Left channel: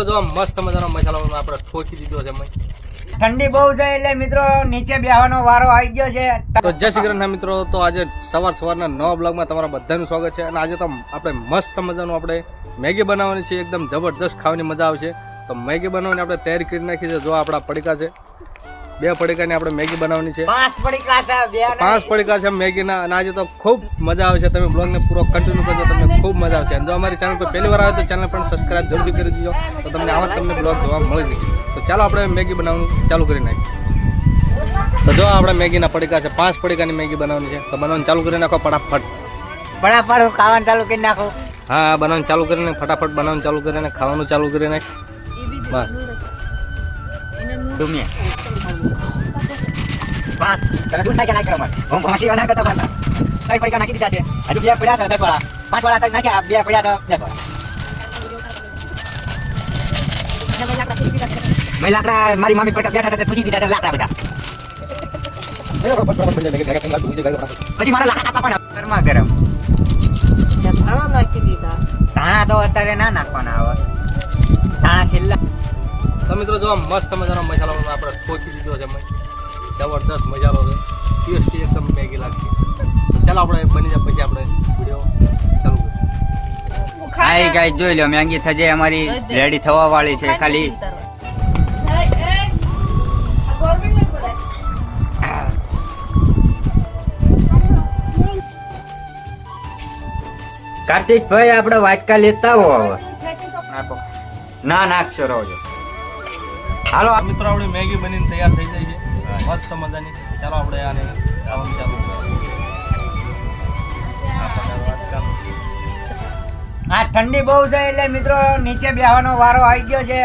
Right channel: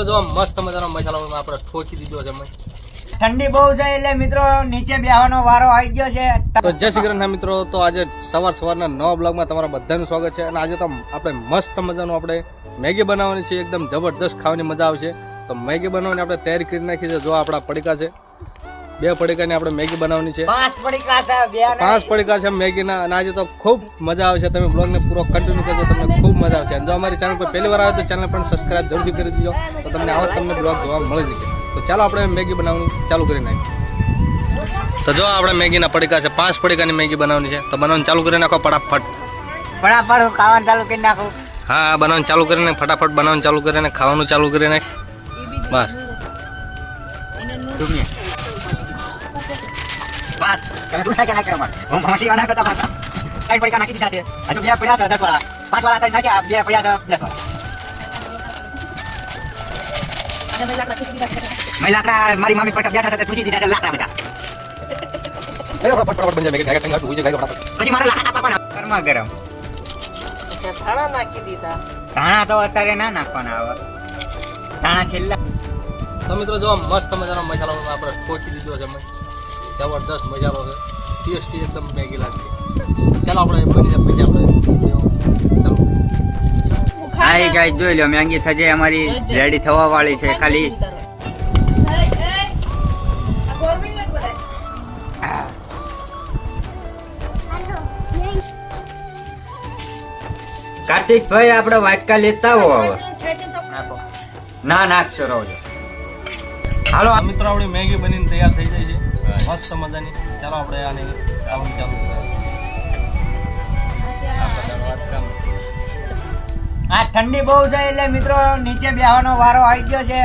મિત્રો જો મસ્ત મજાનો મસાલો આપણે ઠોકી દીધો છે. ઠંડી બહુ છે એટલે મિત્રો નીચે બેહવાનો વારો આવી ગયો છે. તો જય શ્રી કૃષ્ણ મિત્રો. તો આજે સવારના નવા બ્લોગમાં તમારા બધાનું સ્વાગત છે. અને આજે તો આપણે મસ્ત મજાનું આપણે મેગી બનાવવાની છે. એકદમ જબરદસ્ત ખાવાની મજા આવશે. તો મેગી બનાવવાની આપણે તૈયારી કરી નાખી છે. જો આપણા પડીકા છે, 2 પડીકાની આપણે મેગી બનાવવાની છે. 5 પડીકા છે મેગીના. અને આજે તો ખૂબ મજા આવશે. તમે બ્લોગને પૂરો કન્ટિન્યુ કરજો, તમને ખૂબ મજા આવશે. અને જો અમારી ચેનલ પર પહેલી વાર આવે તો ચેનલ પણ સબસ્ક્રાઇબ જરૂરથી કરી દીજો, તો તમને આવા તમને બ્લોગ જોવા મળી જશે. તો ચાલો આપણે મેગી બનાવવાનું ચાલુ કરી નાખીએ. તો જો આપણે મેગીના પડીકા છે, 5 પડીકાની મેગી બનાવવાની છે. તો બનાવવાનું ચાલુ કરી નાખો ફટાફટ. ફટાફટ ખાવાનું ચાલુ કરી નાખો. હા, બનાવવાનું ચાલુ કરીને ફટાફટ બનાવવાનું ચાલુ કરીને ખાવાનું ચાલુ કરી નાખ. બસ મારી મામી બેઠા સાથે પૂછી દીધા લાકડા બધા. પછી મારા લાકડા કાપવાના ગરમા ગરમ ધાણા નાખી દીધા. ધાણા તો અત્યારે ના નાખવાના આવે. ધાણા છેલ્લા. તો મિત્રો જો મસ્ત મજાનો મસાલો આપણે ઠોકી દીધો છે. જબરદસ્ત મસાલો છે, ટેસ્ટી એકદમ મેગી લાગશે. તો ચાલો આપણે બની જાય પછી આપણે ચાલુ. હાય ગાઈસ, જોઈ લો મેગી થજે અમારી રેડી થવા વાળી છે. ખાલી કાર્તિક ભાઈ આપણે વાટકા લેતા હો. ના નાખશો રોજો. હાલો મિત્રો, આપણી મેગી બનીને તૈયાર થઈ જાય છે મસ્ત મજાની. ચાલો આપણે આને ખાવાનું ચાલુ કરીએ. આ ઠંડી બહુ છે એટલે મિત્રો નીચે બેહવાનો વારો આવી ગયો છે.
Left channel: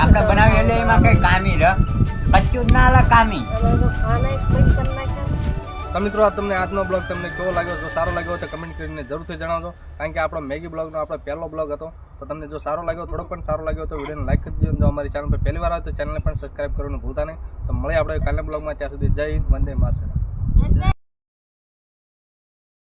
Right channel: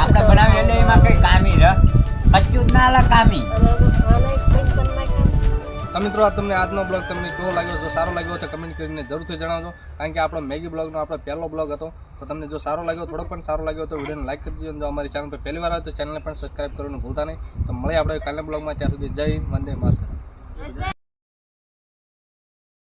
આપણે બનાવી એટલે એમાં કઈ કામી રે કચ્ચું જ ના લે કામી. તો મિત્રો આ તમને આજનો બ્લોગ તમને કેવો લાગ્યો? જો સારો લાગ્યો તો કમેન્ટ કરીને જરૂરથી જણાવજો. કારણ કે આપણો મેગી બ્લોગનો આપણો પહેલો બ્લોગ હતો. તો તમને જો સારો લાગ્યો, થોડો પણ સારો લાગ્યો તો વિડીયોને લાઈક કરી દીજો. જો અમારી ચેનલ પર પહેલી વાર આવે તો ચેનલને પણ સબસ્ક્રાઈબ કરવાનું ભૂલતા નહીં. તો મળે આપણે કાલના બ્લોગમાં. ત્યાં સુધી જય વંદે માતરમ.